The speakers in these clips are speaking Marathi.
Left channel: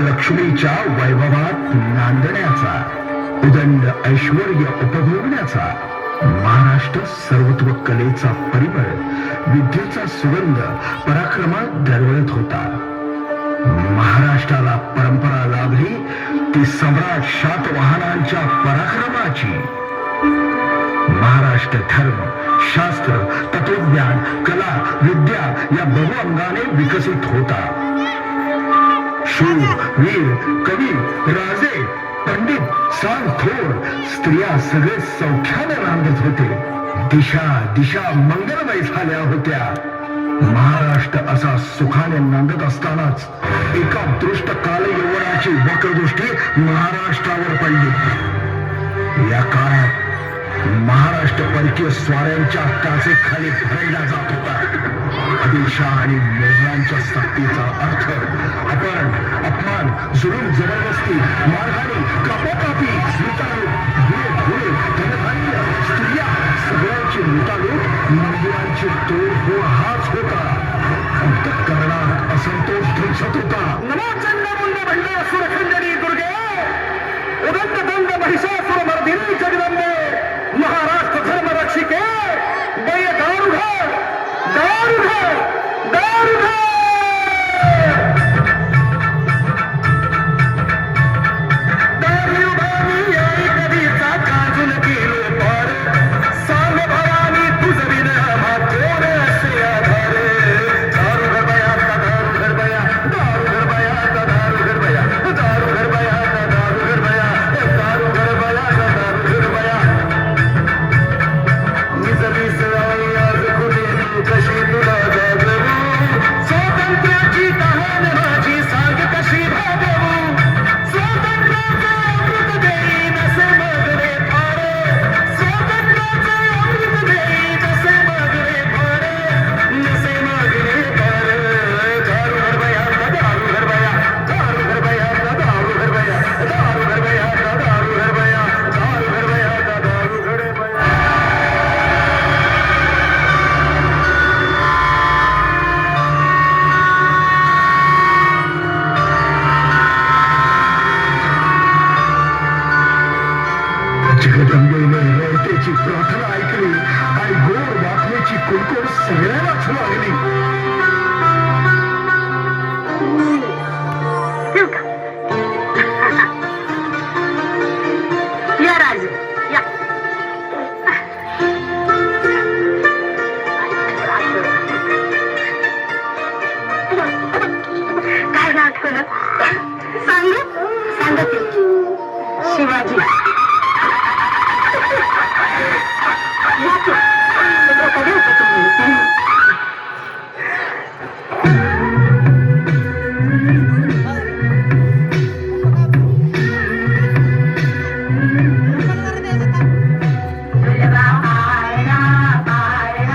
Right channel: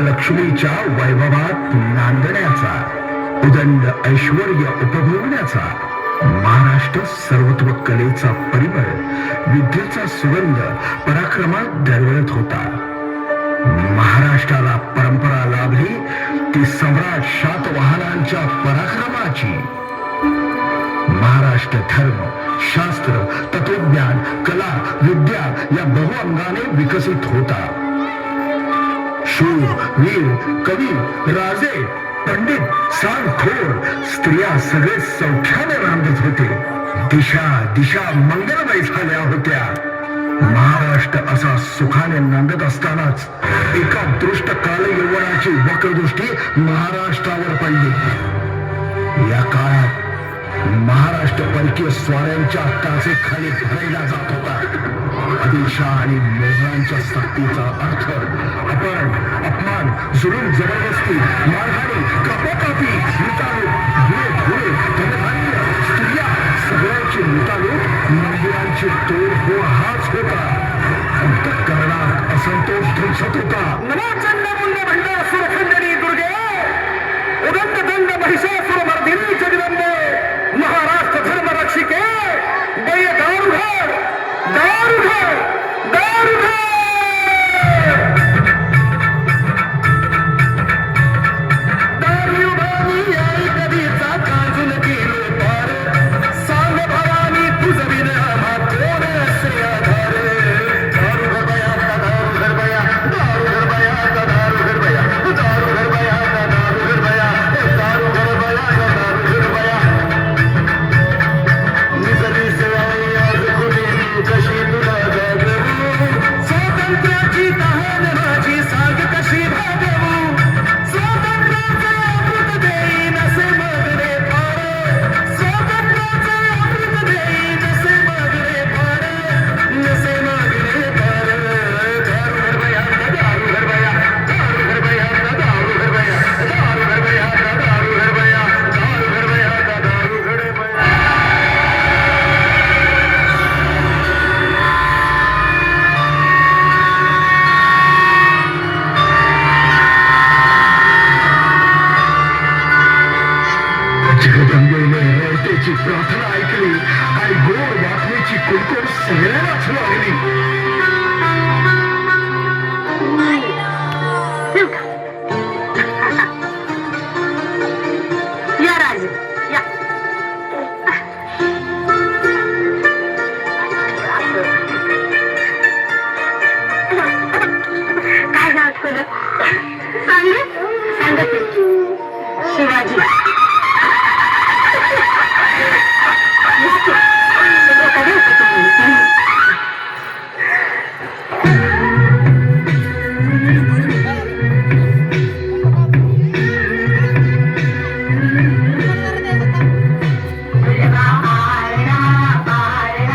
लक्ष्मीच्या वैभवात नांदण्याचा, उदंड ऐश्वर्य उपभोगण्याचा, महाराष्ट्र सर्वत्व कलेचा परिमळ, विद्येचा सुगंध पराक्रमात दरवळत होता. महाराष्ट्राला परंपरा लाभली ती सम्राट शातवाहनांच्या पराक्रमाची. महाराष्ट्र धर्म, शास्त्र, तत्वज्ञान, कला, विद्या या बहुअंगाने विकसित होता. शूर, वीर, कवी, राजे, पंडित, सांगथोर, स्त्रिया सगळे सौख्याने नांदत होते. दिशा दिशा मंगलमय झाल्या होत्या. महाराष्ट्र असा सुखाने नांदत असतानाच एका दृष्ट कालयवनाची वक्रदृष्टी महाराष्ट्रावर पडली. या काळात महाराष्ट्र परकीय स्वाऱ्यांच्या काचेखाली भरला जात होता. आदिलशाह आणि मोगलांच्या सक्तीचा अर्थ आपण, अपमान, जुलूम, जबरदस्ती, मारहाणी, कापाकापी, लुटालूट, घोडे, धनधान्य, स्त्रिया सगळ्यांची लुटालूट, मंदिरांची तोडफोड हाच होता. अंतःकरणात असंतोष ध्वंसत होता. नवाचंद्रमुंड भंडार सुरखंडरी दुर्गे, उदंड दंड महिषासुर मर्दिनी जगदंबे, महाराष्ट्र धर्म रक्षिके, दय दारुघर, दारुघर, दारुघर. प्रार्थना ऐकली आणि गोड वाचण्याची कुणकुण सगळ्यांनाच लागली. या राजू या. काय नाव तुझं? सांग शिवाजी. कधी होतं तुम्ही? शिवाजी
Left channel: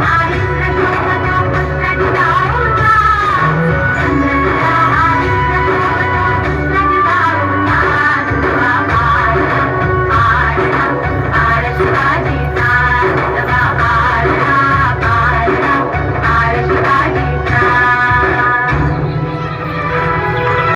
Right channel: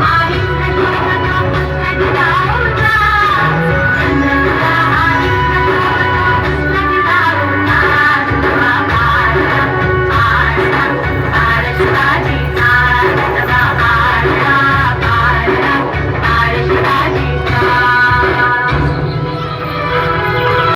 महाराष्ट्र